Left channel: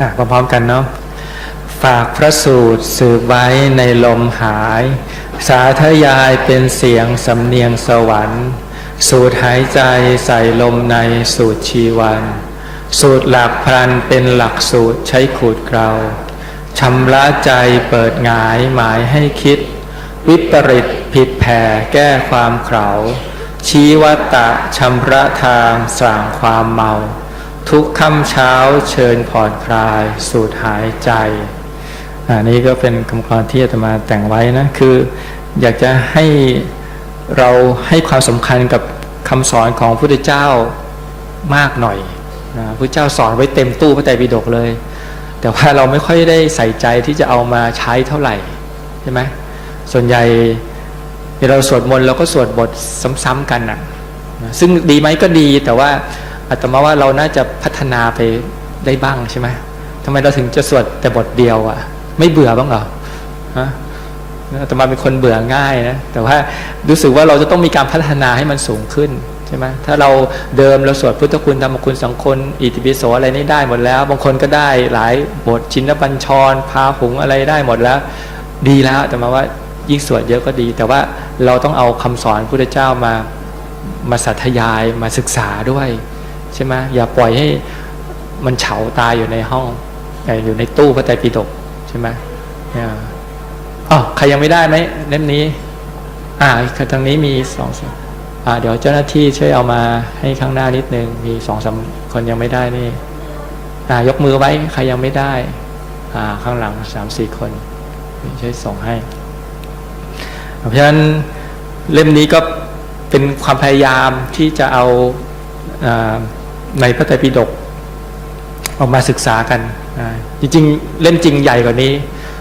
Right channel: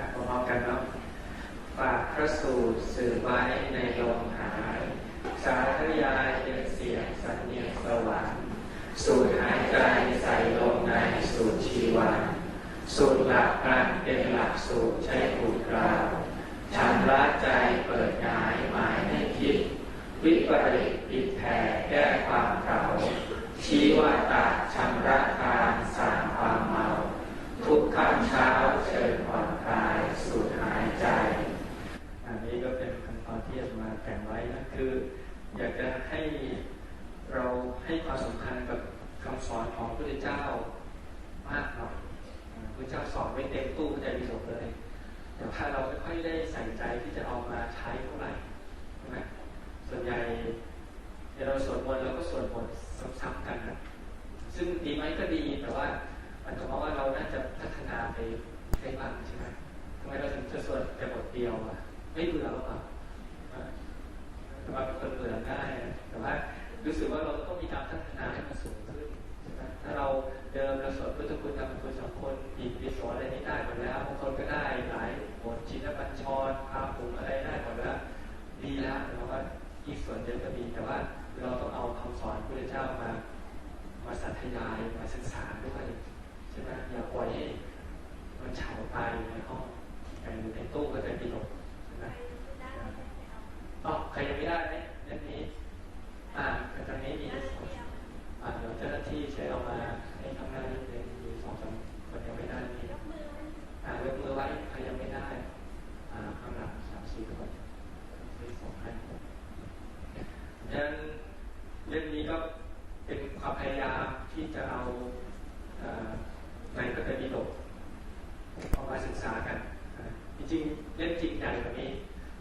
อะพร้อมๆกันเนาะฝากพระสูตรสืบไว้ในลมหาย สาธยายเป็นเสียงสำเนียงสวรรค์ สูดหายใจใส่ลมในสูตรชีวัน สูตรหลักพันเป็นหลักสูตรใช้ขูดเกลาชำระใจเปิดงายหมายให้คิด วิปริตผิดแผ่แก้ความเขาชี้วัตตะชำระทางสร้างความเมา ทุกค่ำเช้าเชิญผ่อนคลาย สูดหายใจอันนี้ก็เป็นคำกรที่อาตมาแต่งไว้นะคืออยากจะให้เราให้ความสำคัญกับคำสอนของพระพุทธเจ้ามากหน่อยนะพระพุทธเจ้าสอนไว้เต็มตู้พระไตรปิฎกเลย แต่ว่าเราไม่ค่อยได้ใส่ใจที่จะเอามาใช้เท่าไหร่ใช่ไหมส่วนใหญ่เวลาเราสวดมนต์เราก็สวดบทซ้ำๆกันนะซึ่งดีไหมก็ดีแต่ว่า อาตมาว่าเราน่าจะพัฒนาไปได้บ้างใช่ไหมทำไมเราถึงจะสวดแต่บทเดียวอะ่ะไม่เบื่อบ้างเหรอฮะอาตมาเป็นคนเบื่อง่ายนะแต่ว่ารู้สึกว่าเราจะต้องมีการพัฒนาให้มันสูงขึ้นใช่ไหมถ้าเราเดิมเราสวดพุทธคุณธรรมคุณสังคนอิติปิโสอะไรนี่ได้หมดแล้ว บางคนก็ได้หลายบทชินบัญชร พาหุงอะไรได้หมดแล้ว ดีแล้วแต่มาว่ายิ่งสวดเยอะก็ดี แต่ว่าเราต้องเอาคำสอนพุทธเจ้ามามาสัทยายมาศึกษาด้วย ใช่ไหมอย่าปล่อยให้มันเฉาตายอยู่ในห้องอยู่ในตู้พระไตรปิฎกใช่ไหมอ๋อใครยังไม่ได้ไหมเล่มนี้ อ่าทางนี้มีสองสอ่า เดี๋ยวเจ้าหน้าที่ช่วยเอามาให้ข้างหน้านิดนึง มีสองสามคนยังไม่ได้นี่ อ่า ยกมือไว้ใครยังไม่ได้ อ่า ข้างหลังสามสี่คนช่วยส่งให้ เพราะฉะนั้นเล่มนี้ก็เป็นความพยายามที่จะเอาอา ในพระไตรปิฎกออกมาศึกษากันจริงๆ เล่มจริงใหญ่กว่านี้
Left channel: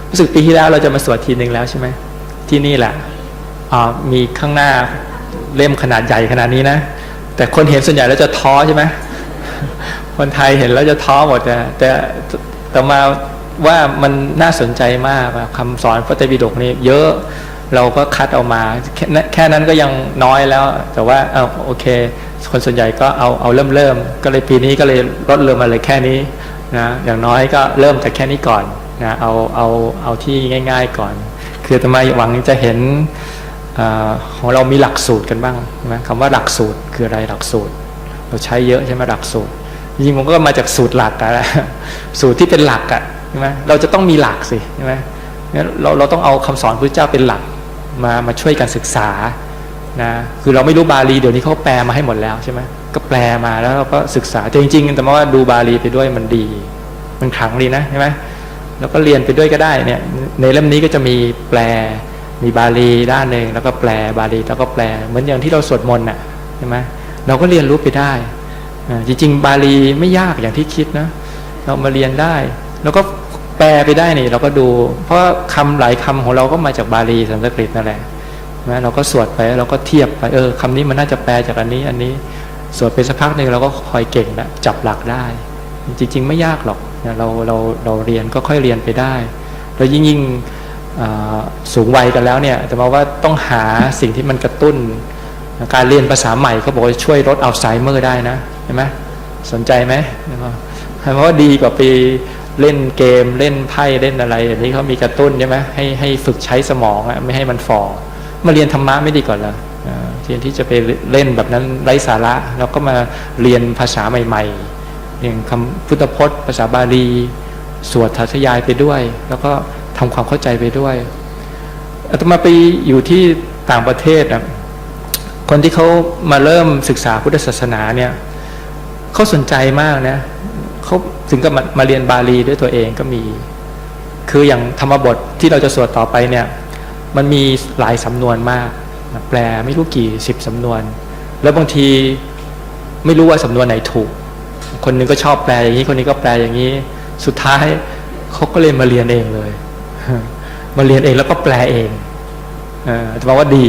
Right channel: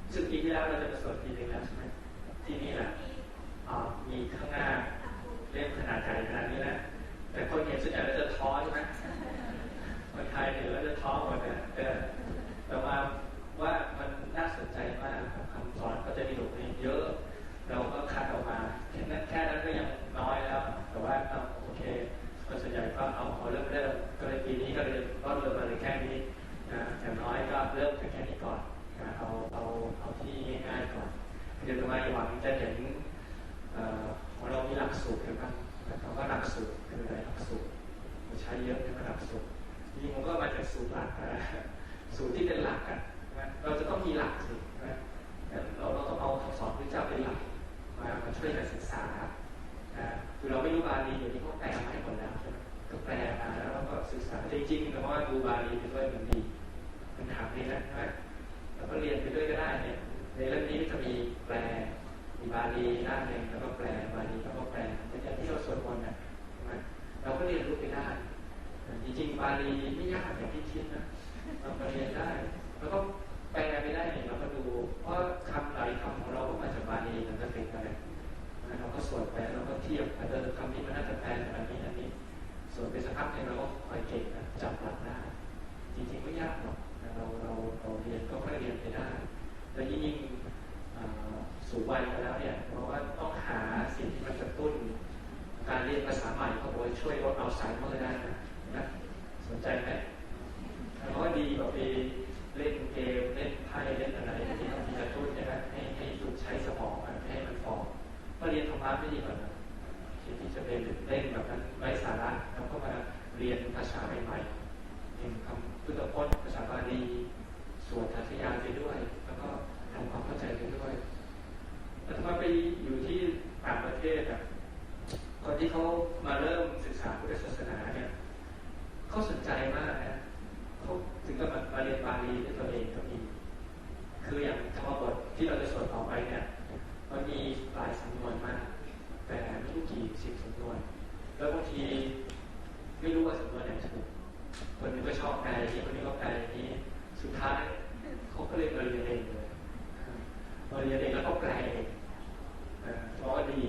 รู้สึกปีที่แล้วเราจะมาสวดทีหนึ่งแล้วใช่ไหมที่นี่แหละมีข้างหน้าเล่มขนาดใหญ่ขนาดนี้นะ แต่คนเห็นส่วนใหญ่แล้วจะท้อใช่ไหมคนไทยเห็นแล้วจะท้อหมดแต่แต่มาว่ามันน่าสนใจมากคำสอนพระไตรปิฎกนี่เยอะเราก็คัดเอามาแค่นั้นแค่นั้นก็ยังน้อยแล้ว แต่ว่าเอาโอเค คนส่วนใหญ่ก็เอาเอาเริ่มเริ่มก็เลยปีนี้ก็เลยลดลงมาเลยแค่นี้นะอย่างน้อยก็เริ่มจากแค่นี้ก่อนนะเอาเอาเอาที่ง่าย ๆก่อน คือทำไมหวังจะเห็นอของเรามีหลักสูตรกันบ้างใช่ไหมคำว่าหลักสูตรคืออะไรหลักสูตร เราใช้เยอะใช่ไหมหลักสูตรจริงๆผมก็มาจากสูตรหลักอะสูตรที่เป็นหลักอะใช่ไหมเราจะต้องมีหลักสิใช่ไหมเราเราต้องเอาคำสอนพระเจ้าเป็นหลักมามาช่วยกันศึกษา นะคือเราไม่รู้บาลีเดี๋ยวนี้เขาแปลมาให้หมดแล้วใช่ไหมก็แปลมาแล้วเราก็ศึกษาแต่จริงๆแต่ว่าดูบาลีไปด้วยมันดี มันขลังดีนะใช่ไหมแล้วก็เรียนไปด้วยก็ได้เนี่ยในเล่มนี้ก็จะมีแปลมีบาลีด้านหนึ่งแล้วก็แปลบาลีแล้วก็แปลเหมือนอย่างที่เราสวดมนต์น่ะใช่ไหมเราก็เรียนรู้ไปได้อ่าจริง ๆ บาลีไม่ยากอย่างที่คิดนะ เรามาเรียนได้ แล้วก็แปลไปได้นี่เราก็ดู เพราะว่าคำหลายคำของเราก็มาจากบาลีสันสกฤตนั่นแหละ นะเราก็สวดไปเราก็เทียบไปเออคำนี้มันน่าจะแปลจากอันนี้อันนี้สวดไปสักพักหนึ่งเราก็คอยเก่งแล้วจับหลักได้ จริง ๆ ไม่ยากหรอกนะเราเราเราเรียนก็ค่อยเรียนไปได้แล้วยิ่งยิ่งสูงวัยกันแล้วเนี่ย แต่มาว่าต้องหาสิ่งที่มันกระตุ้น การเรียนภาษาใหม่เขาบอกว่าช่วยลดอัลไซเมอร์ได้นะเห็นไหมสนใจไหมเพราะว่าดีกว่าไปเล่นเกมเล่นไพ่เล่นอะไรอย่างนี้เขามีกระตุ้นใช่ไหมให้ให้ฝึกใช้สมองอะไม่ให้มันฝ่อ มาเรียนธรรมะไม่ดีก่อนเหรออ่าแทนที่จะไปเล่นแบบนั้นไร้สาระแล้วก็มาเรียนภาษาใหม่ๆอย่างคำพุทธพจน์ ภาษาบาลี สวดทัศยายไปด้วย แล้วก็ทำความเข้าใจไปด้วยอาตมาไปอยู่ที่ต่างประเทศนะคนที่เขามาเริ่มศึกษาพุทธศาสนาเนี่ยเขาสนใจมากนะเขาถึงกับมามาเรียนบาลีด้วยตัวเองก็มี คืออย่างธรรมบทที่เราจะสวดต่อไปเนี่ย มันมีหลายสำนวนมาก แปลไม่รู้กี่สิบสำนวน แล้วบางทีไม่รู้ว่าสำนวนไหนถูก คนนึงก็ชอบแปลอย่างนี้ คนนี้ก็แปลอย่างนี้ สุดท้ายเขาก็เลยมาเรียนเองเลย มาเรียนเองแล้วก็แปลเองเอ่อจะมาว่าดี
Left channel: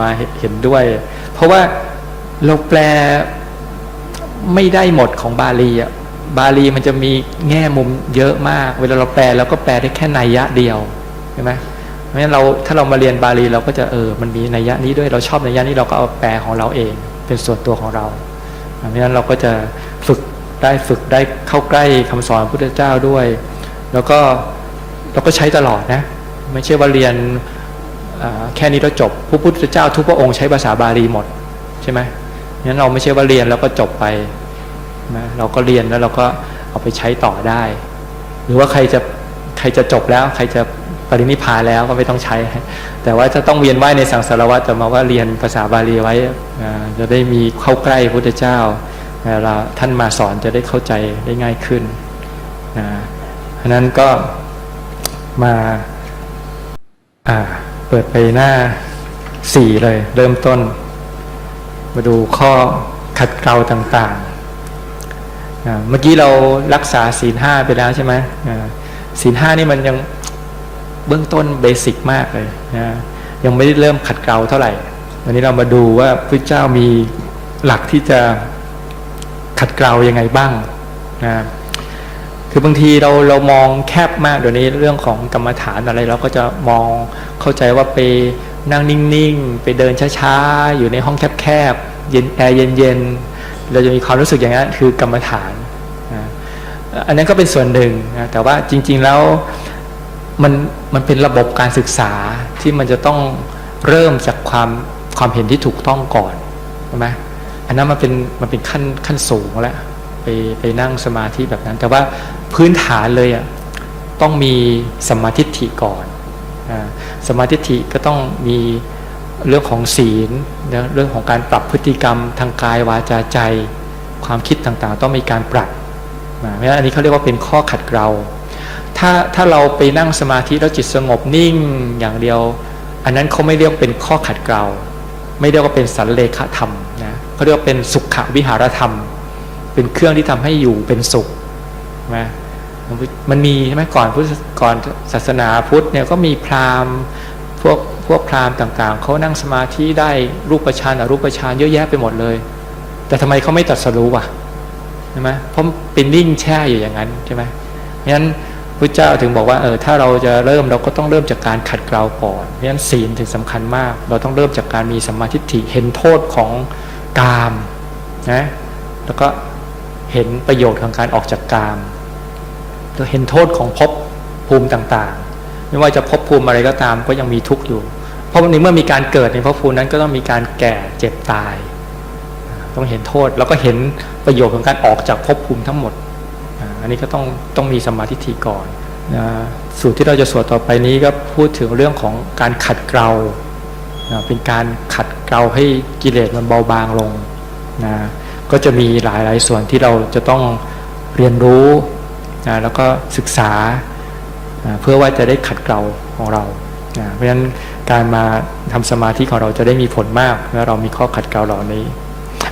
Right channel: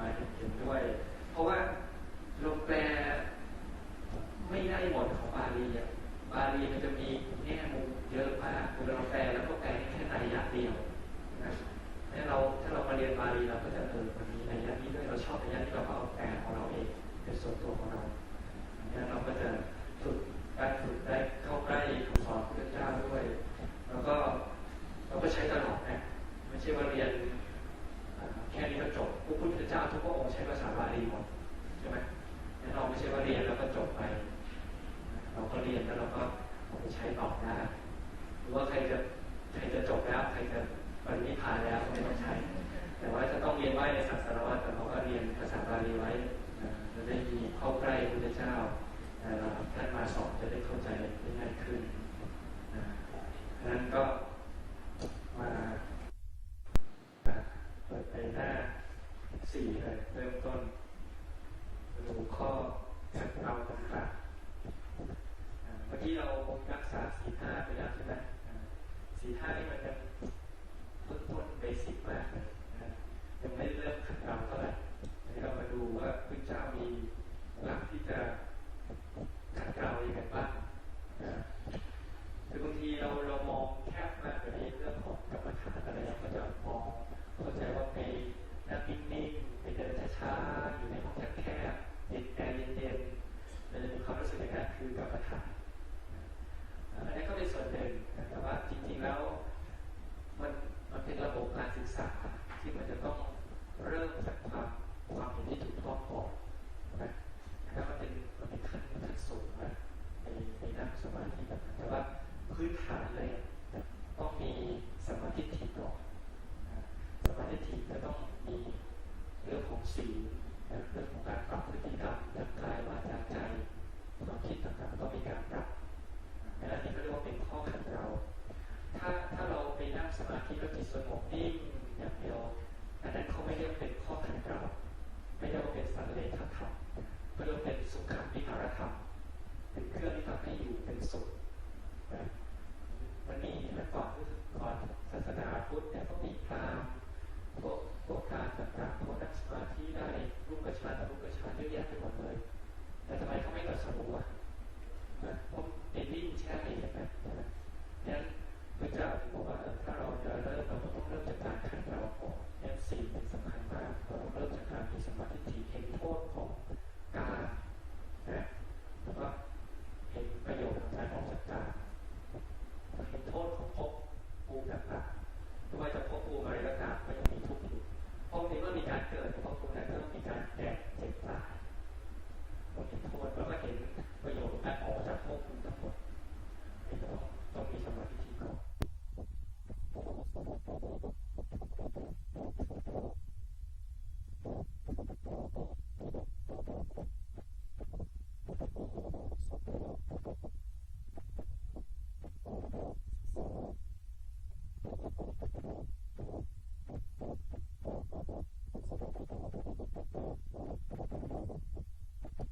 มาเห็นด้วย เพราะว่าเราแปลไม่ได้หมดของบาลีอะบาลีมันจะมีแง่มุมเยอะมาก เวลาเราแปลเราก็แปลได้แค่นัยยะเดียวใช่ไหม ราะฉะนั้นเราถ้าเรามาเรียนบาลีเราก็จะเออมันมีนัยยะนี้ด้วยเราชอบนัยยะนี้เราก็เอาแปลของเราเองเป็นส่วนตัวของเราเพราะฉะนั้นเราก็จะฝึกได้ฝึกได้เข้าใกล้คำสอนพระพุทธเจ้าด้วย แล้วก็เราก็ใช้ตลอดนะไม่ใช่ว่าเรียนแค่นี้แล้วจบพระพุทธเจ้าทุกพระองค์ใช้ภาษาบาลีหมดใช่ไหมงั้นเราไม่ใช่ว่าเรียนแล้วก็จบไปนะเราก็เรียนแล้วเราก็เอาไปใช้ต่อได้ หรือว่าใครจะใครจะจบแล้วใครจะ ปรินิพพานแล้วก็ไม่ต้องใช้ แต่ว่าจะต้องเวียนว่ายในสังสารวัฏแต่มาว่าเรียนภาษาบาลีไว้จะได้มีเข้าใกล้พุทธเจ้าเวลาท่านมาสอนจะได้เข้าใจได้ง่ายขึ้นนะฉะนั้นก็มาเปิดไปหน้าสี่เลย เริ่มต้น มาดูข้อขัดเกลาต่างๆ เมื่อกี้เรารักษาศีลห้าไปแล้วใช่ไหมศีลห้านี่มันยัง เบื้องต้นเบสิกมากเลยนะยังไม่ได้เริ่มขัดเกลาเท่าไหร่วันนี้เรามาดูว่าพระเจ้ามีหลักที่จะขัดเกลายังไงบ้างนะคือบางทีเราเรามองแคบมากเดี๋ยวนี้เรื่องของกรรมฐานอะไร เราก็จะมองเข้าใจว่าไปนั่งนิ่งๆ ไปเดินช้าๆ อยู่ในห้องแคบๆเย็นแอร์เย็นๆ เราจะมีความรู้สึกอย่างนั้นคือกรรมฐานนะอันนั้นก็เป็นส่วนหนึ่งนะแต่ว่าจริงๆแล้ว มันมันเป็นระบบการศึกษาที่มันจะต้องเริ่มจากความความเห็นที่ถูกต้องก่อนใช่ไหมอันนั้นมันเป็นมันเป็นขั้นขั้นสูงแล้วไปไปนั่งสมาธิแบบนั้น แต่ว่าพื้นฐานเลยอะต้องมีสมาธิฐิก่อนสมาธิฐิก็ต้องมีเรื่องของศีลเรื่องของการปรับพฤติกรรมทางกายวาจาใจ ความคิดต่างๆ ต้องมีการปรับเพราะฉะนั้นอันนี้เขาเรียกว่าเป็นข้อขัดเกลา ถ้าถ้าเราไปนั่งสมาธิแล้วจิตสงบนิ่งอย่างเดียว อันนั้นเขาไม่เรียกเป็นข้อขัดเกลาไม่เรียกว่าเป็นสันเลขธรรมนะเขาเรียกว่าเป็นสุขวิหารธรรม เป็นเครื่องที่ทำให้อยู่เป็นสุขนะมันมีใช่ไหมก่อนพุทธก่อนศาสนาพุทธเนี่ยก็มีพราหมณ์พวกพวกพราหมณ์ต่างๆเขานั่งสมาธิได้รูปฌานอรูปฌานเยอะแยะไปหมดเลย แต่ทำไมเขาไม่ตรัสรู้วะใช่ไหมเพราะเป็นนิ่งแช่อยู่อย่างนั้นใช่ไหมงั้น พระเจ้าถึงบอกว่าเออถ้าเราจะเริ่มเราก็ต้องเริ่มจากการขัดเกลาก่อนเพราะฉะนั้นศีลถึงสำคัญมาก เราต้องเริ่มจากการมีสัมมาทิฏฐิเห็นโทษของกามนะแล้วก็เห็นประโยชน์ของการออกจากกามแล้วเห็นโทษของภพภูมิต่างๆ ไม่ว่าจะภพภูมิอะไรก็ตามก็ยังมีทุกข์อยู่ เพราะในเมื่อมีการเกิดในภพภูมินั้นก็ต้องมีการแก่เจ็บตาย ต้องเห็นโทษแล้วก็เห็นประโยชน์ของการออกจากภพภูมิทั้งหมด อันนี้ก็ต้องต้องมีสมาธิทีก่อนนะสูตรที่เราจะสวดต่อไปนี้ก็พูดถึงเรื่องของการขัดเกลานะเป็นการขัดเกลาให้กิเลสมันเบาบางลงนะก็จะมีหลายหลายส่วนที่เราจะต้องเรียนรู้นะแล้วก็ศึกษานะเพื่อว่าจะได้ขัดเกลาของเรานะเพราะฉะนั้นการมาทำสมาธิของเราจะได้มีผลมากเมื่อเรามีข้อขัดเกลาเหล่านี้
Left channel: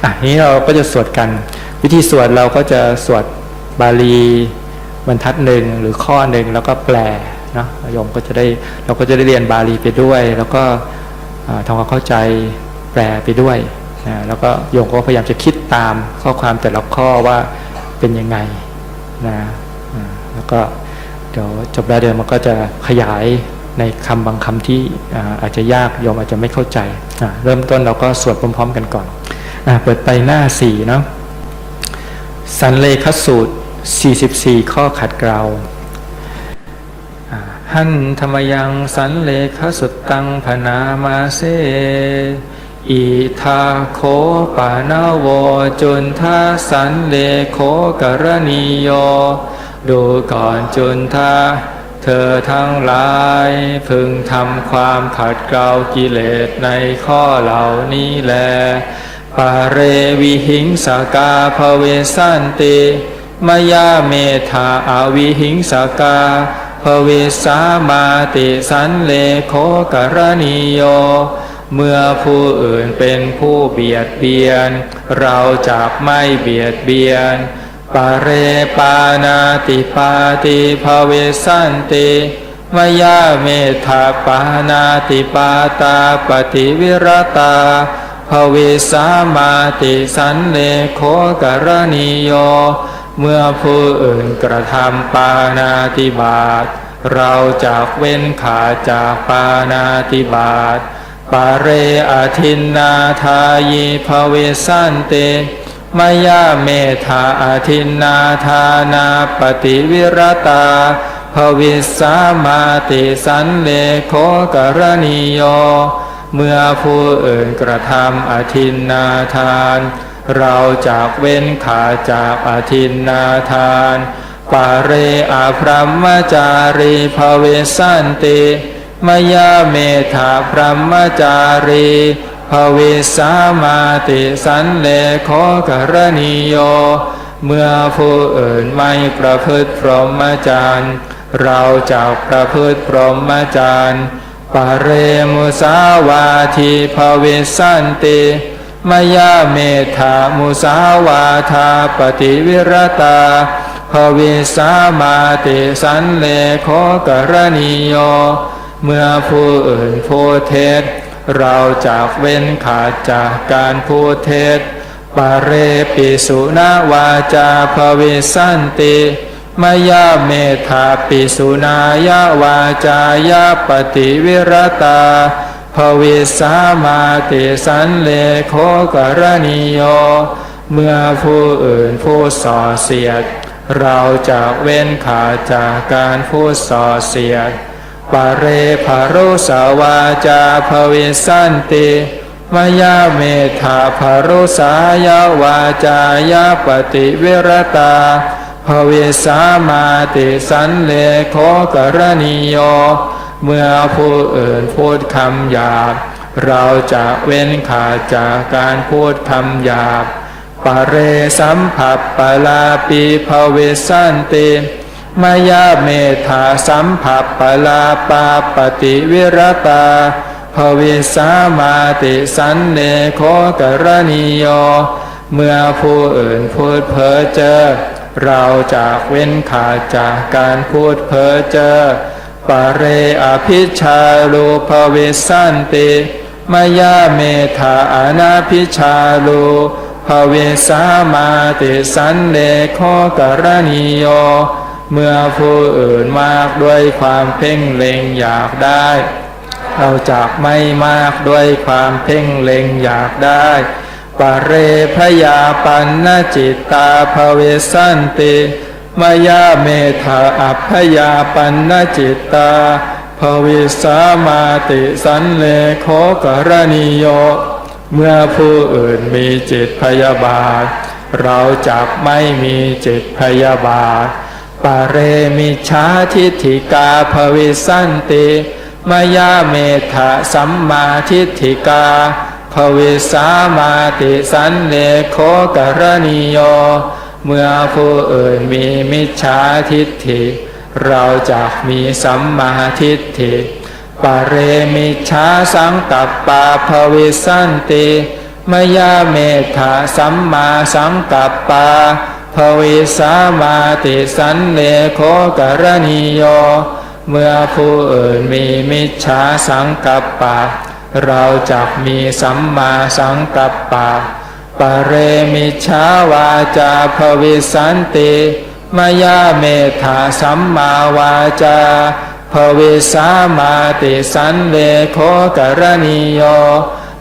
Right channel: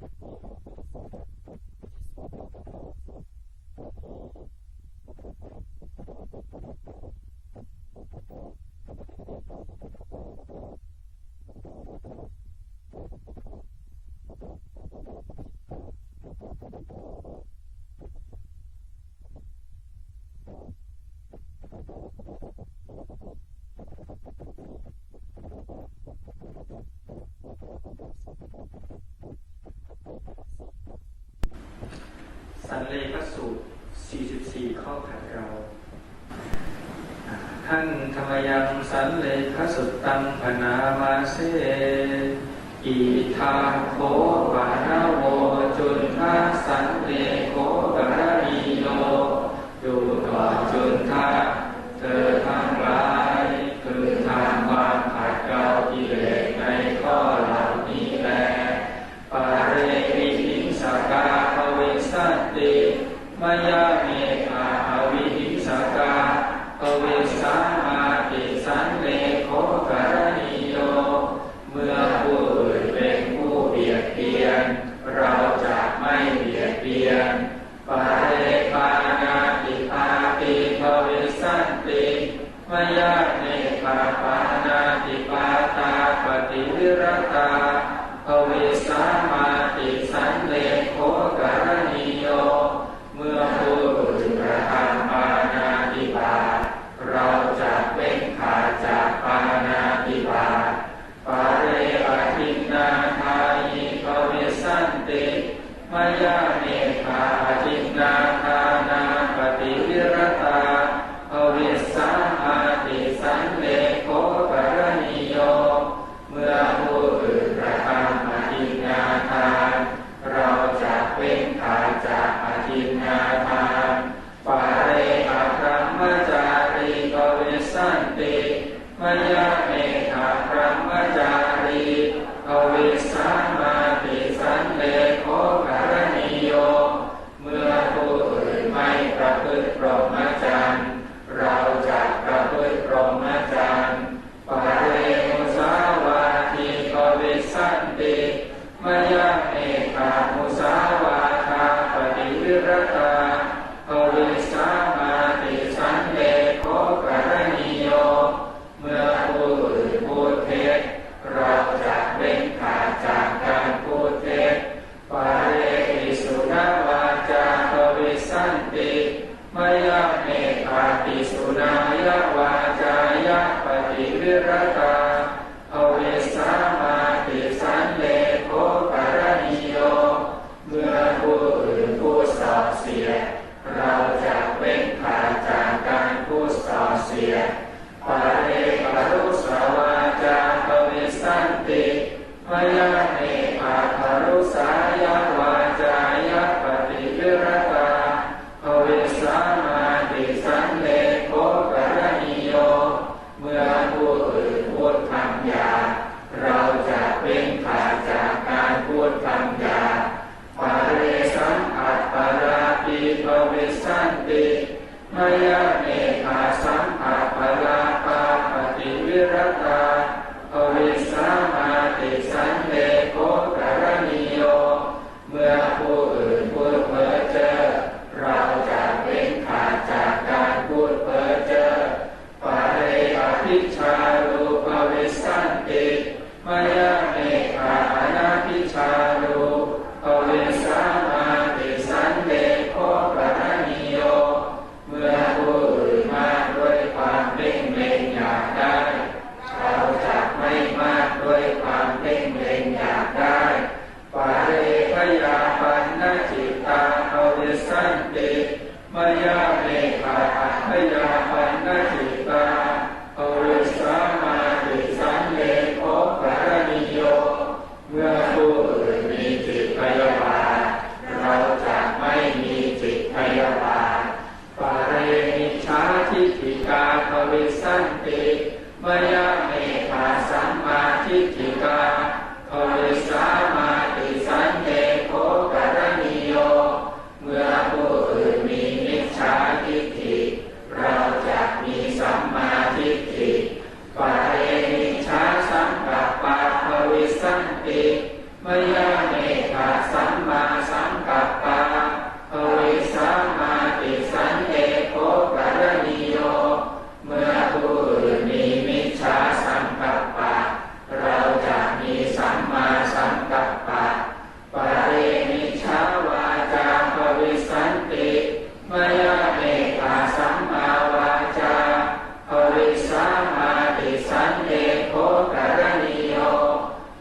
อะนี้เราก็จะสวดกัน วิธีสวดเราก็จะสวด บาลีบรรทัดหนึ่งหรือข้อหนึ่งแล้วก็แปลเนาะโยมก็จะได้เราก็จะได้เรียนบาลีไปด้วย แล้วก็ทำความเข้าใจแปลไปด้วยนะแล้วก็โยมก็พยายามจะคิดตามข้อความแต่ละข้อว่าเป็นยังไงนะแล้วก็เดี๋ยวจบแล้วเดี๋ยวมันก็จะขยายในคำบางคำที่อาจจะยากโยมอาจจะไม่เข้าใจ เริ่มต้นเราก็สวดพร้อม ๆ กันก่อนอเปิดไปหน้าสี่เนาะสันเลขสูตร 44 ข้อขัดเกลาหันธรรมยังสันเลขสุตตังพนามาเซอิทาโคปานาโวจุนทาสันเลโคกรณีโยดูก่อนจุนทาเธอทั้งหลายพึงทำความขัดเกลากิเลสในข้อเหล่านี้แลปาเรวิหิงสากาภเวสันติ มยาเมธาอาวิหิงสากาภเวสามาติสันเลโคกรณีโย เมื่อผู้อื่นเป็นผู้เบียดเบียน เราจะไม่เบียดเบียน ปาเรปานาติปาติภเวสันติมยาเมธาปานาติปาตาปฏิวิรตาภเวสามาติสันเลโคกรณีโย เมื่อผู้อื่นกระทำปานาติบาตเราจะเว้นขาจากปานาติบาตปาเรอทินนาทายีภเวสันเตมมยาเมธาอาทินนาทานาปฏิวิรตาภวิสามาติสันเลโคกรณีโย เมื่อผู้อื่นกระทำอาทินนาทาน เราจากเว้นขาจากอาทินนาทาน ปาเรอาพรหมจารีภเวสันติ มยาเมธาพรหมจารีภเวสามาติสันเลโคกรณีโย เมื่อผู้อื่นไม่ประพฤติพรหมจรรย์เราจะประพฤติพรหมจรรย์ปะเรมุสาวาทีภเวสันติ มยาเมธามุสาวาทาปฏิวิรตาภเวสามาติสันเลโคกรณีโย เมื่อผู้อื่นพูดเท็จเราจากเว้นขาดจากการพูดเท็จปาเรปิสุนาวาจาภเวสันติมยาเมธาปิสุนายาวาจายาปฏิวิรตา ภเวสามาติสันเลโคกรณีโย เมื่อผู้อื่นพูดส่อเสียด เราจะเว้นขาดจากการพูดส่อเสียดปาเรภารุสาวาจาภเวสันติมยาเมธาภารุสายาวาจายาปฏิเวรตาภเวสามาติสันเลโคกรณีโย เมื่อผู้อื่นพูดคำหยาบ เราจะเว้นขาดจากการพูดคำหยาบปะเรสัมผัสปะลาปีภเวสันติมายาเมธาสัมผัสปะลาปาปฏิวิรตาภเวสามาติสันเนโคกรณีโย เมื่อผู้อื่นพูดเพ้อเจ้อเราจะเว้นขาดจากการพูดเพ้อเจ้อ ปเรอภิชาลูภเวสันติมยาเมธาอนาพิชาลูภเวสามาติสันเลโคกรณีโย เมื่อผู้อื่นมากด้วยความเพ่งเล็งอยากได้เราจากไม่มากด้วยความเพ่งเล็งอยากได้ปะเรพยาปันนจิตตาภเวสันติ มยาเมธาอัพยาปันนจิตตาภวิสามาติสันเลโคกรณีโย เมื่อผู้อื่นมีจิตพยาบาท เราจักไม่มีจิตพยาบาทปะเรมิชาทิฏฐิกาภวิสันติมยาเมธาสัมมาทิฏฐิกาภวิสามาติสันเลโคกรณีโย เมื่อผู้อื่นมีมิจฉาทิฏฐิ เราจะมีสัมมาทิฏฐิปะเรมิชาสังกัปปาภวิสันติมยาเมธาสัมมาสังกัปปาภวิสามาติสันเลโคกรณีโย เมื่อผู้อื่นมีมิจฉาสังกัปปะ เราจะมีสัมมาสังกัปปะ ปเรมิชาวาจาภวิสันติมายาเมธาสัมมาวาจาภวิสามาติสันเลโคกรณีโย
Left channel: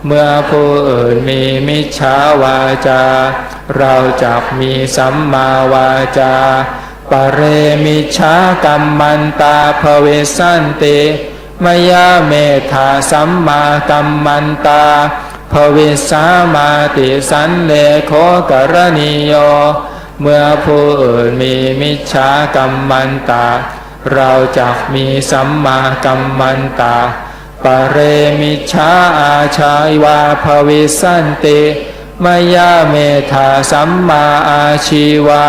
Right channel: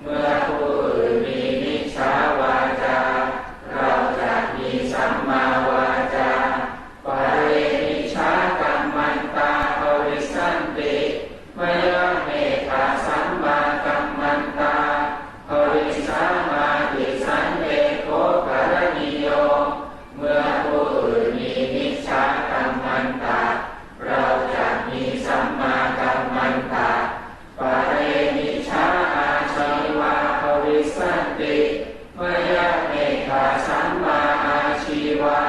เมื่อผู้อื่นมีมิจฉาวาจา เราจะมีสัมมาวาจาปเรมิชากัมมันตาภเวสันติมยาเมธาสัมมากัมมันตา ภวิสามาติสันเลโคกรณีโย เมื่อผู้อื่นมีมิจฉากัมมันตา เราจะมีสัมมากัมมันตา ปเรมิชาอาชายวาภวิสันติมยาเมธาสัมมาอาชีวา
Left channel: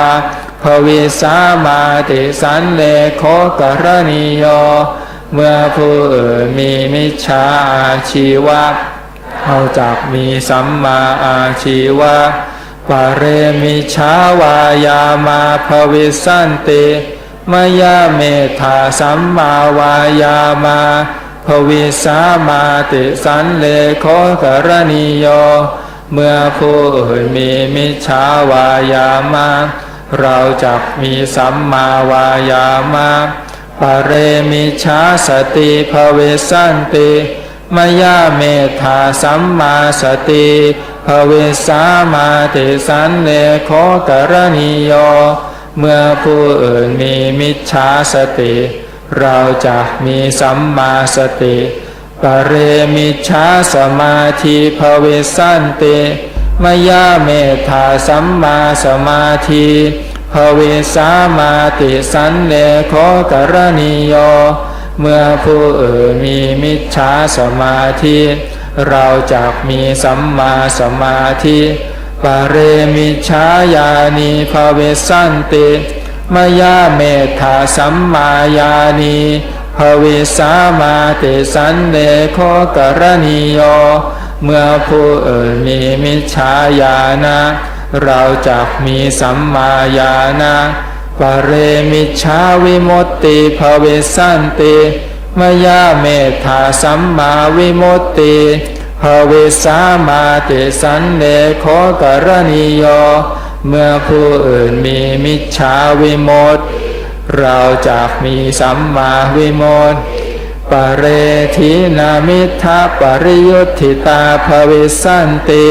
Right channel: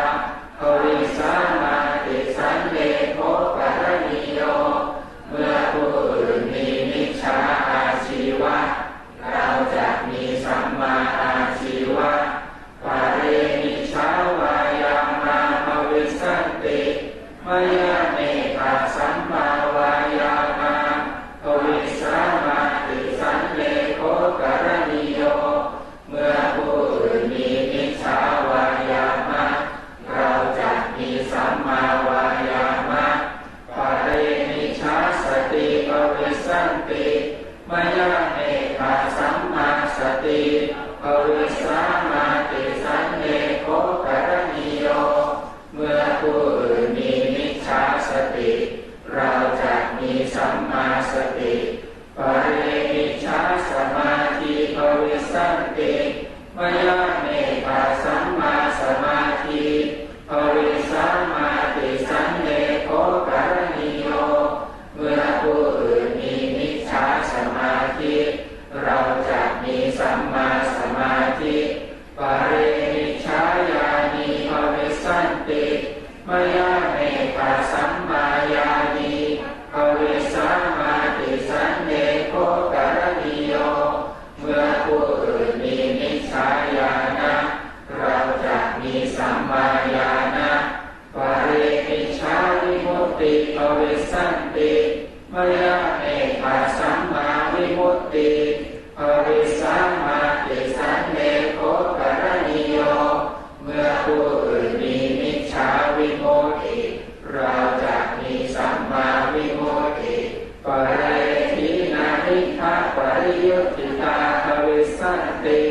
ภวิสามาติสันเลโคกรณีโย เมื่อผู้อื่นมีมิจฉาอาชีวะ เราจักมีสัมมาอาชีวะปะเรมิชาวายามาภวิสันติมยาเมธาสัมมาวายามาภวิสามาติสันเลโคกรณีโย เมื่อผู้อื่นมีมิจฉาวายามะเราจักมีสัมมาวายามะปะเรมิชาสติภเวสันติ มยาเมธาสัมมาสติภเวสามาติสันเลโคกรณีโย เมื่อผู้อื่นมีมิจฉาสติ เราจะมีสัมมาสติ ปเรมิจฉาสมาธิภเวสันติมยาเมธาสัมมาสมาธิภเวสามาติสันเลโคกรณีโย เมื่อผู้อื่นมีมิจฉาสมาธิ เราจะมีสัมมาสมาธิปเรมิจฉาญาณีภเวสันติมยาเมธาสัมมาญาณีภเวสามาติสันเลโคกรณีโยเมื่อผู้อื่นมีมิจฉาญาณะเราจะมีสัมมาญาณะ ปเรมิจฉาวิมุตติภเวสันติมยาเมธาสัมมาวิมุตติภเวสามาติสันเลโคกรณีโย เมื่อผู้อื่นมีมิจฉาวิมุตติเราจะมีสัมมาวิมุตติปเรทินามิทาปริยุทธิตาภเวสันติ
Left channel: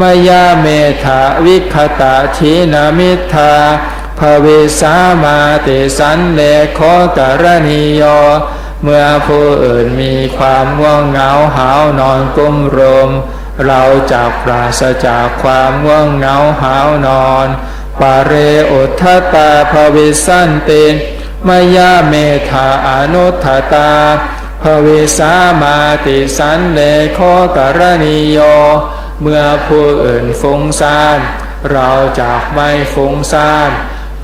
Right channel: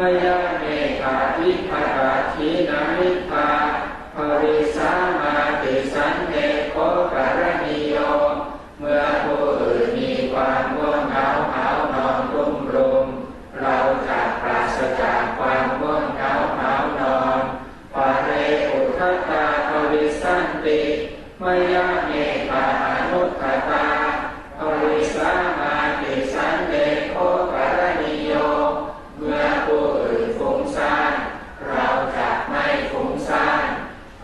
มยาเมธาวิคตาทินามิทา ภเวสามาติสันเลโคกรณีโย เมื่อผู้อื่นมีความง่วงเหงาหาวนอนกุ้มรม เราจะปราศจากความง่วงเหงาหาวนอนปาเรอุทธตาภวิสันติมยาเมธาอนุทตาภวิสามาติสันเลโคกรณีโย เมื่อผู้อื่นฟุ้งซ่าน เราจะไม่ฟุ้งซ่าน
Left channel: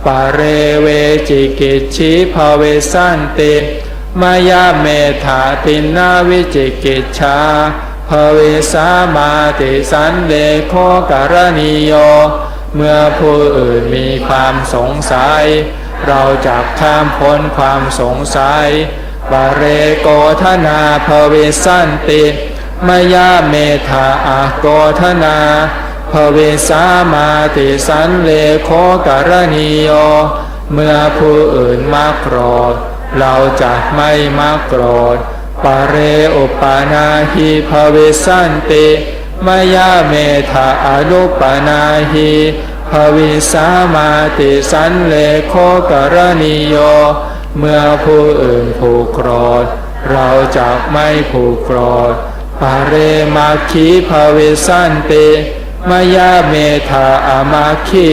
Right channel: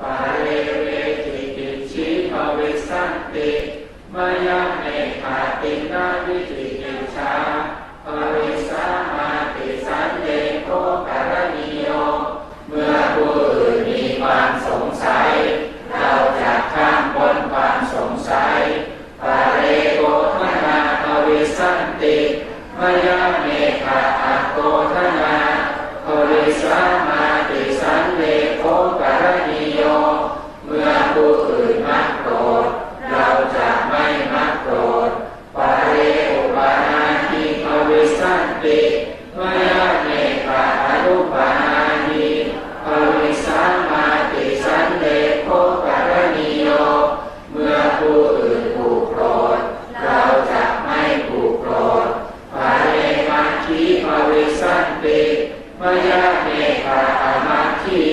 ปเรเวจิกิจชิภเวสันติมายาเมธาตินาวิจิกิจชาภเวสามาติสันเลโคกรณีโย เมื่อผู้อื่นมีความสงสัย เราจะข้ามพ้นความสงสัยปเรโกธนาภเวสันติมยาเมธาอโกธนา ภเวสามาติสันเลโคกรณีโย เมื่อผู้อื่นมาโกรธ เราจะไม่มาโกรธปะเรอุปานาหิภเวสันติมยาเมธาอรุปนาหิภวิสามาติสันเลโคกรณีโย เมื่อผู้อื่นผูกโกรธ เราจะไม่ผูกโกรธปเรมาคีภวิสันติ มายาเมธาอมาคี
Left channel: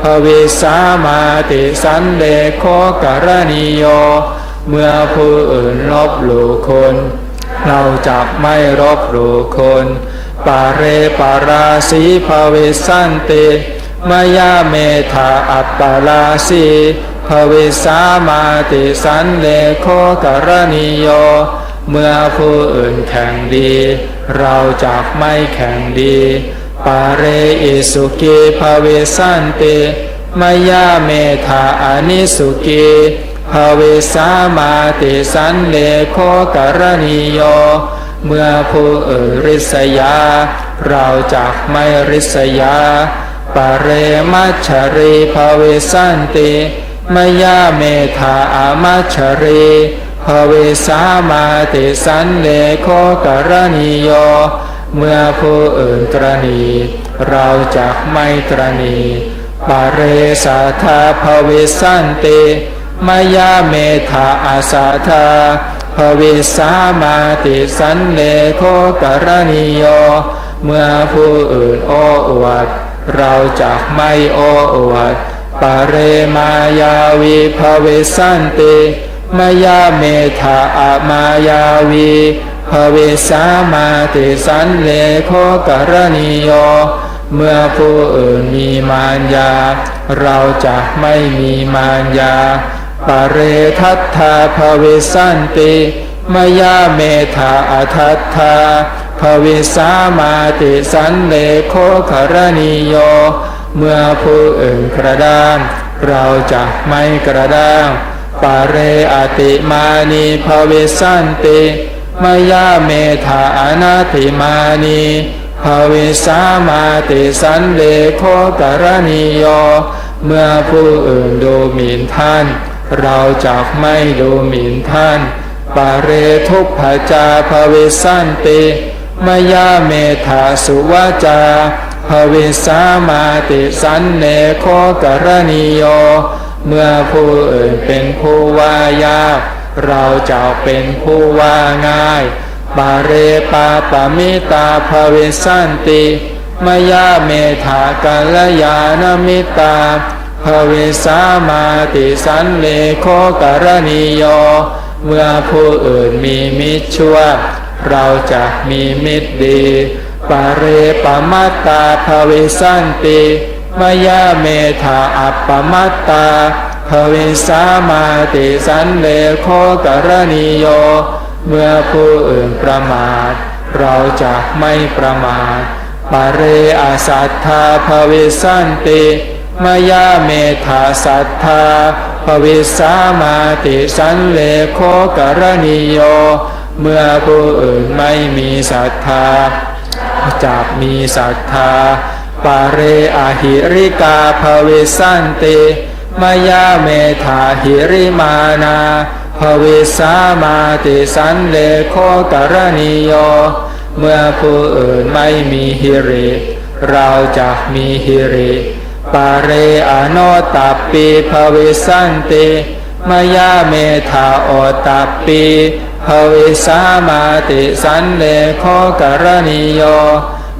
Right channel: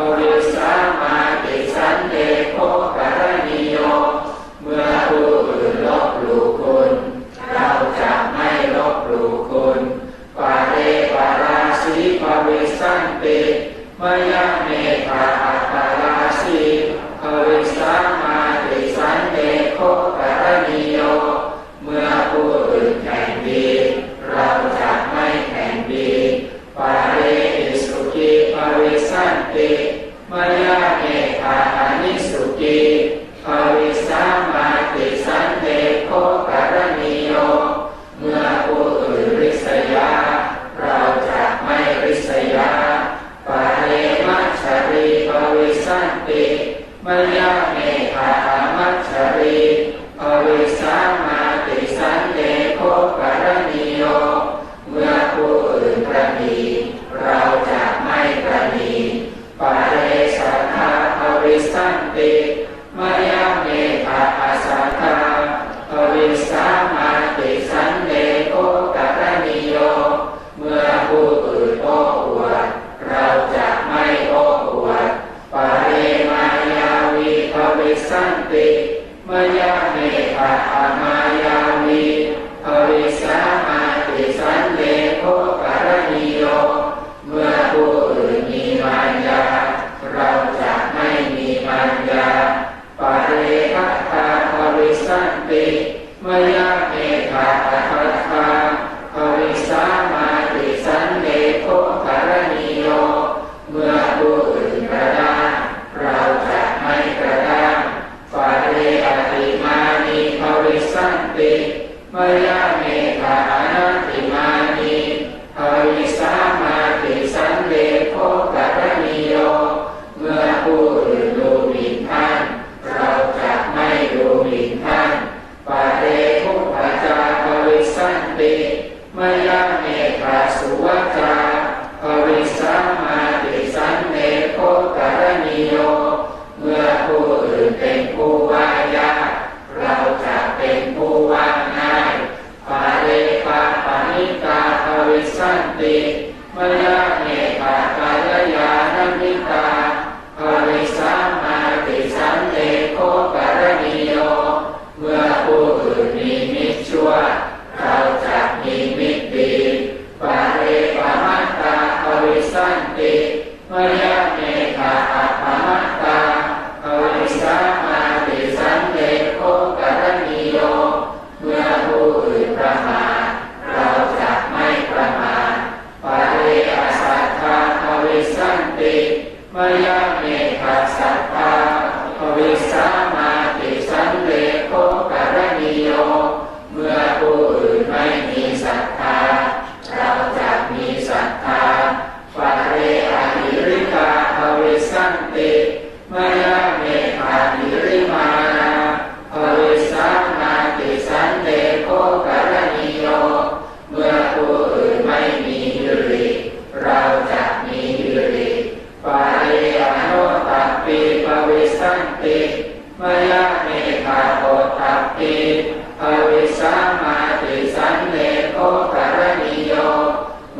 ภวิสามาติสันเลโคกรณีโย เมื่อผู้อื่นลบหลู่คุณ เราจะไม่รบหลู่คนปาเรปาราสีภเวสันติมายาเมธาอัปปาราสีภเวสามาติสันเลโคกรณีโย เมื่อผู้อื่นแข่งดี เราจะไม่แข่งดี ปาเรอิสุกีภเวสันติมยาเมธาอานิสุกีภเวสามาติสันเลโคกรณีโย เมื่อผู้อื่นริษยา เราจะไม่ริษยาปะเรมัชรีภเวสันติมยาเมธาอามัชรีภเวสามาติสันเลโคกรณีโย เมื่อผู้อื่นตรณีเราจะไม่ตรณีปเรสัทธาภเวสันติมายาเมธาอาสาธาภวิสามาติสันเลโคกรณีโย เมื่อผู้อื่นโอ้อวด เราจะไม่โอ้อวดปเรมายาวีภเวสันติมายาเมธาอามายาวี ภเวสามาติสันเลโคกรณีโย เมื่อผู้อื่นมีมารยา เราจะไม่มีมารยาปะเรทัตถาภเวสันติมยาเมธาอัทัตถาภวิสามาติสันเลโคกรณีโย เมื่อผู้อื่นกระด้างเราจะไม่กระด้างปะเรอติมานีภวิสันติ มยาเมธาอนาติมานีภวิสามาติสันเลโคกรณีโย เมื่อผู้อื่นดูหมิ่นท่าน เราจะไม่ดูหมิ่นท่าน ปาเรทุกขจาภเวสันติมมยาเมธาสุวาจาภวิสามาติสันเนโคกรณีโย เมื่อผู้อื่นเป็นผู้ว่ายาก เราจะเป็นผู้ว่าง่าย ปาเรปาปามิตาภเวสันติมยาเมธากัลยาณมิตาภเวสามาติสันเนโคกรณีโย เมื่อผู้อื่นมีมิตรชั่ว เราจะมีมิตรดี ปาเรปมัตตาภเวสันติมยาเมธาอัปปมัตตา ภเวสามาติสันเลโคกรณีโย เมื่อผู้อื่นประมาท เราจะไม่ประมาทปเรอสัทธาภเวสันติมยาเมธาสัทธาภเวสามาติสันเลโคกรณีโย เมื่อผู้อื่นไม่มีศรัทธาจะมีศรัทธาปเรอหิริกาภเวสันติ มยาเมธาหิริมานาภเวสามาติสันเลโคกรณีโย เมื่อผู้อื่นไม่มีหิริ เราจะมีหิริ ปาเรอโนตัปปีภเวสันติมยาเมธาโอตัปปีภเวสามาติสันเลโคกรณีโย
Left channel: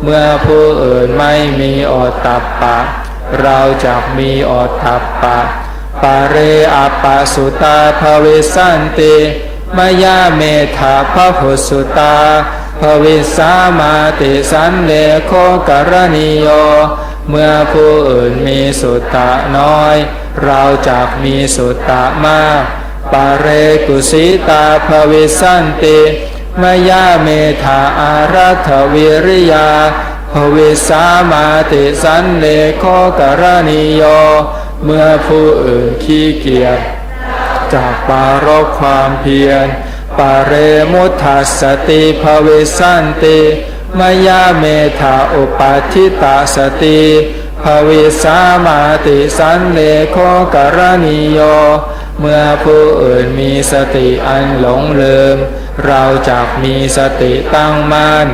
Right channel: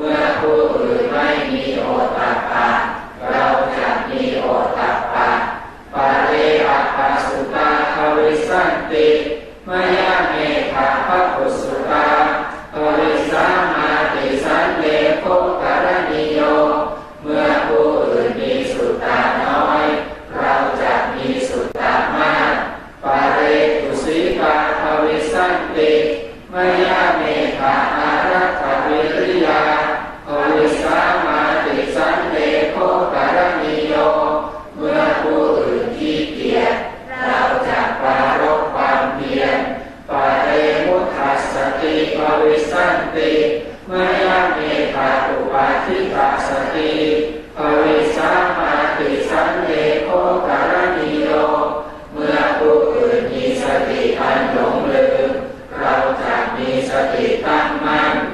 เมื่อผู้อื่นไม่มีโอตตัปปะ เราจะมีโอตตัปปะปาเรอัปปสุตาภเวสันติมยาเมธาพระพุสุตาภเวสามาติสันเลโคกรณีโย เมื่อผู้อื่นมีสุตตะน้อย เราจะมีสุตตะมากปาเรกุสิตาภเวสันติมยาเมธาอารัฐวิริยา วิสามาติสันเลโคกรณีโย เมื่อผู้อื่นขี้เกียจจากปารบความเพียรปาเรมุทัสสติภเวสันติมยาเมธาอุปัฏฐิตาสติภเวสามาติสันเลโคกรณีโย เมื่อผู้อื่นมีสติอันหลงลืม เราจะมีสติตั้งมั่น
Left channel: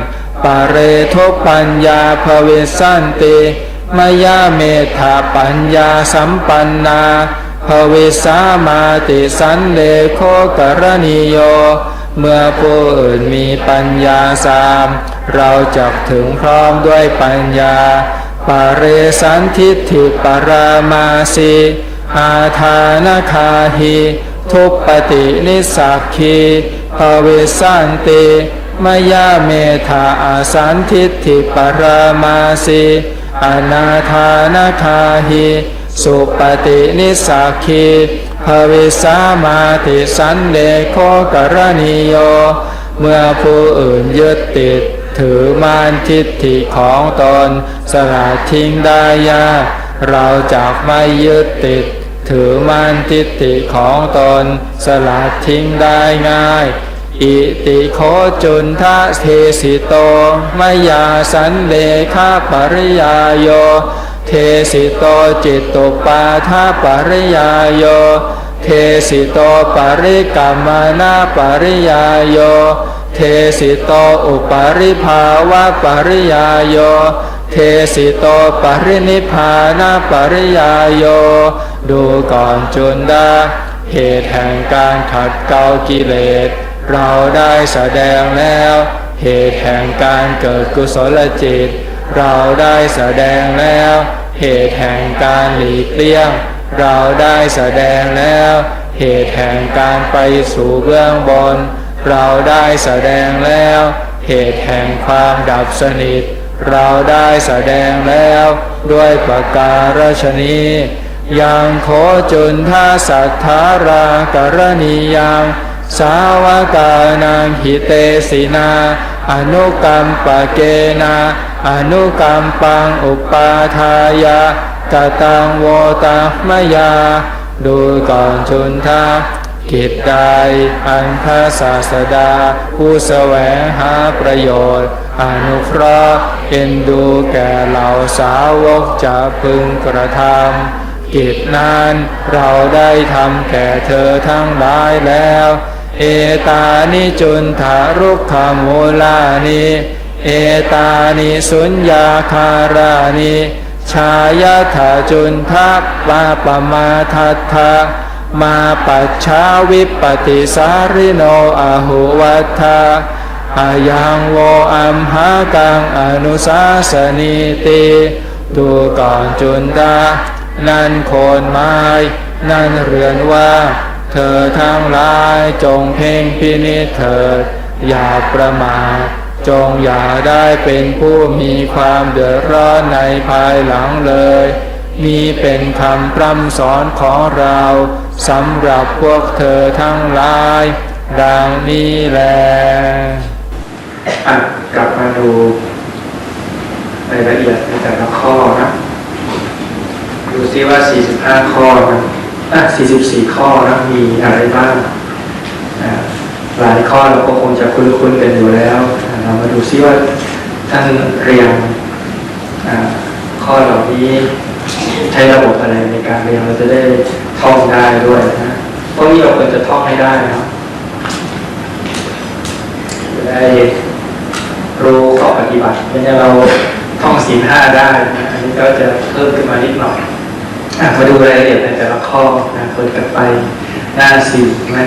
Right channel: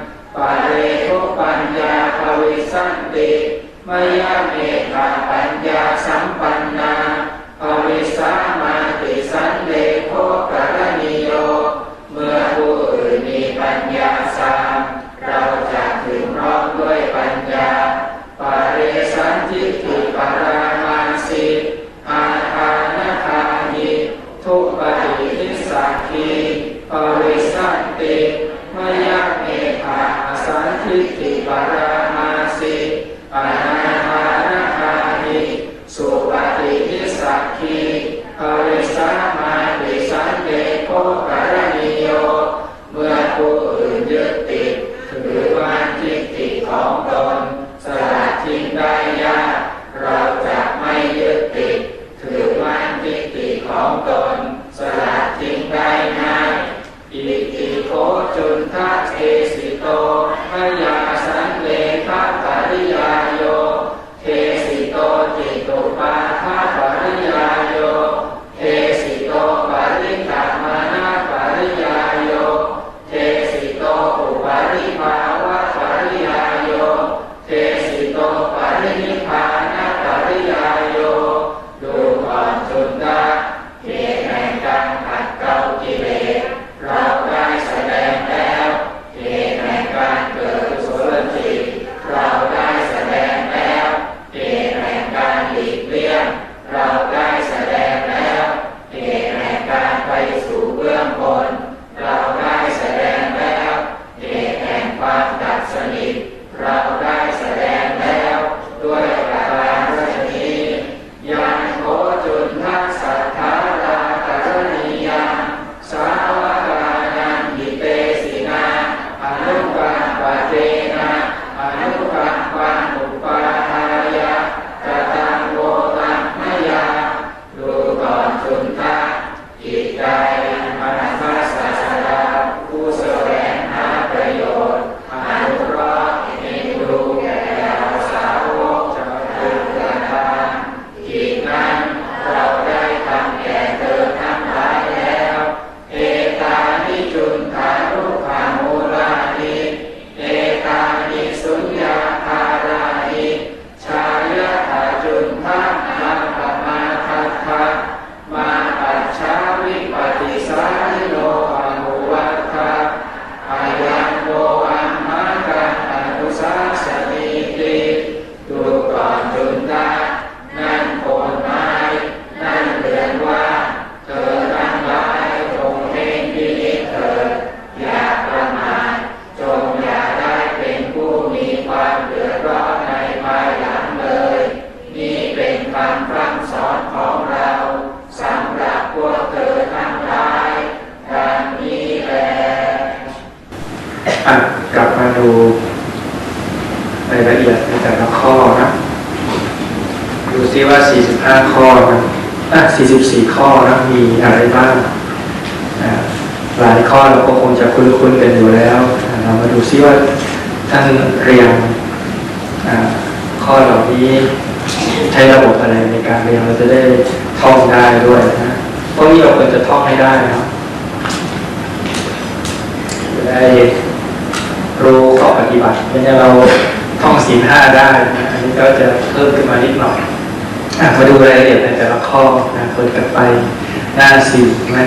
ปาเรทุปัญญาภเวสันติมยาเมธาปัญญาสัมปันนาภเวสามาติสันเลโคกรณีโย เมื่อผู้อื่นมีปัญญาสาม เราจักถึงพร้อมด้วยปัญญาปาเรสันทิฏฐิปรามาสีหาทานคาหิทุปปตินิสักขีภเวสันติ มยาเมธาอาสันทิฏฐิปรามาสีอนาทานคาหิสุปฏินิสักขีภเวสามาติสันเลโคกรณีโย เมื่อผู้อื่นยึดติด ถือมานทิฏฐิของตน สละทิ้งได้ยากเราจะไม่ยึดติด ถือมานทิฏฐิของตน สละทิ้งได้ง่าย อิติโคจุนทะเทสิโตมยาสันเลขาปริยาโย เทสิโตจิตตุปาทาปริยาโย เทสิโตปริกรรมนาปริยาโย เทสิโตอุปาริภาวะปริยาโย เทสิโตปรินิพานาปริยาโย ดูก่อนจุนดาเหตุแห่งการขัดเกลากิเลส เราได้แสดงแล้ว เหตุแห่งการเกิดกุศลจิต เราได้แสดงแล้ว เหตุแห่งการหลีกเลี่ยง เราได้แสดงแล้ว เหตุแห่งการไปสู่เบื้องบน เราได้แสดงแล้ว เหตุแห่งความดับสนิท เราได้แสดงแล้ว ด้วยประการฉนี้ยังโคจุนทาสัทธารากรณียัง สาวกานังหิเตสินาอนุกรรมปะเกนะอนุกรรมปังอุปาทายะกตังโวตัมยา ดูก่อนจุนทากิจใดอันพระศาสดา ผู้แสวงหาประโยชน์อนุเคราะห์เอ็นดูแก่เหล่าสาวกจะพึงกระทำกิจนั้นเราได้ทำแก่เธอทั้งหลายแล้ว เอตานิจุนทารุขมูลานิเอตานิสุญญาคารานิชายาถาจุนทะวาปมาทัตถะมาปัจฉาวิปติสาริโนอาหุวัฏฐาอายังโวอัมหากังอนุสาสนีติดูก่อนจุนดา นั่นโคนไม้นั่นเรือนว่า เธอทั้งหลายจงเพ่งพินิจเถิดอย่าประมาทจงอย่าได้เป็นผู้มีความเดือดร้อนในภายหลังเลยนี่เป็นคำพร่ำสอนของเราสำหรับพวกเธอทั้งหลายดังนี้แลกลับมาดูรายละเอียดในแต่ละข้อนะ ดูซิว่า 45 ข้อนะ 44 ข้อนะมีอะไรบ้างอะหลายข้อเราก็คงจะคุ้นๆกันอยู่แล้วเรามาดูซิว่าท่านเรียนะข้อเหล่านี้ใช้ระบบอะไรในการเรียนเราจะได้ท่องได้ด้วยนะพวกนี้เราควรจะท่องให้ได้นะจะได้รู้ข้อปฏิบัติไม่งั้นเราท่องศีลห้าได้นะอันนี้ก็จะเพิ่มขึ้นมานิดหน่อย มาดูรายละเอียดในแต่ละข้อนะเปิดกันไปหน้าสี่ไหม